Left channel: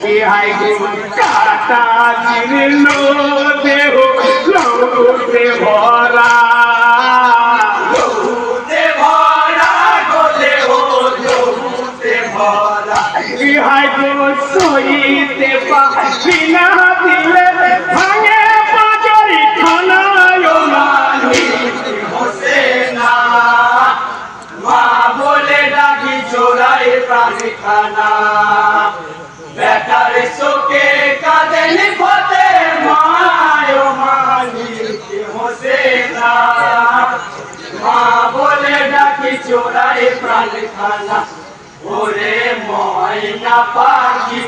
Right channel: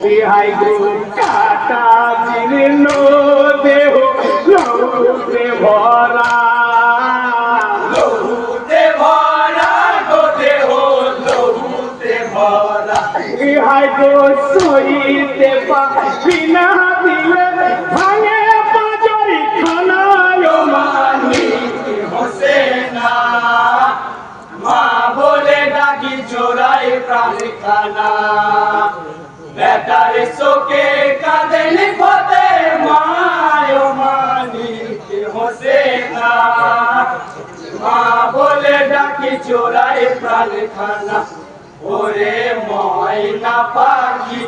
বিহাই কাটা জীর্ণ দেহ লৌতে ভরা বিহাই গো সইতে বিনা দিলে ভাঙে পাঁচরি খানায় মানি হোসেনা মা বলে ডাকি চোরাই প্রাণ খানা বেটার শোকে কাঁদেন ফতে মায় মানিক হোসেনা মা বলে ডাকি চোরাই প্রাণ খানা ওরে ময়না পাখি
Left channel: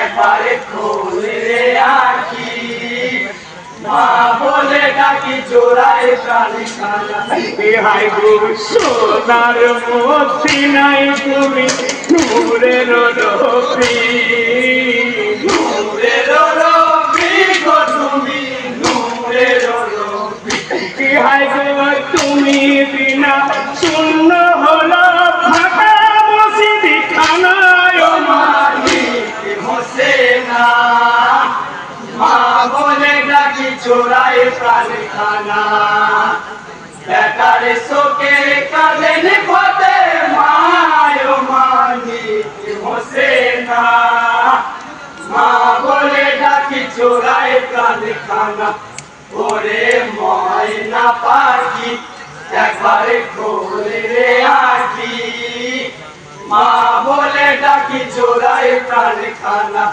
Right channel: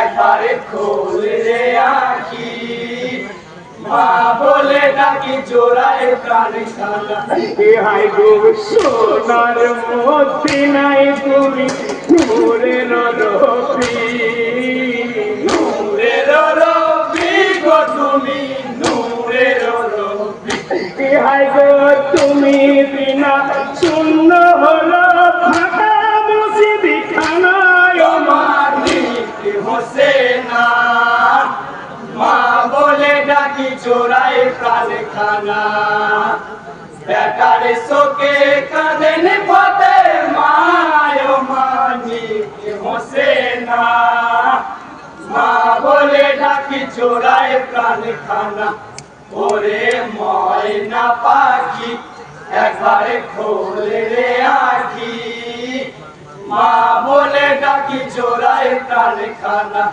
একবারে খোলে রে আখি মা বলে ডাকি চোরাই প্রাণ খানা বিহাই গো সোনার মতি নাই তুমি নূরের রবি নূরের রবি গো তুমি নূরের রবি বিহাই গো তুমি বিনা শূন্য হলো ফাঁকা মসজিদ খানায় মানিক হোসেনা মা বলে ডাকি চোরাই প্রাণ খানা বেটার শোকে কাঁদেন ফতে মায় মানিক হোসেনা মা বলে ডাকি চোরাই প্রাণ খানা ওরে ময়না পাখি একবারে খোলে রে আখি মা বলে ডাকি চোরাই প্রাণ খানা।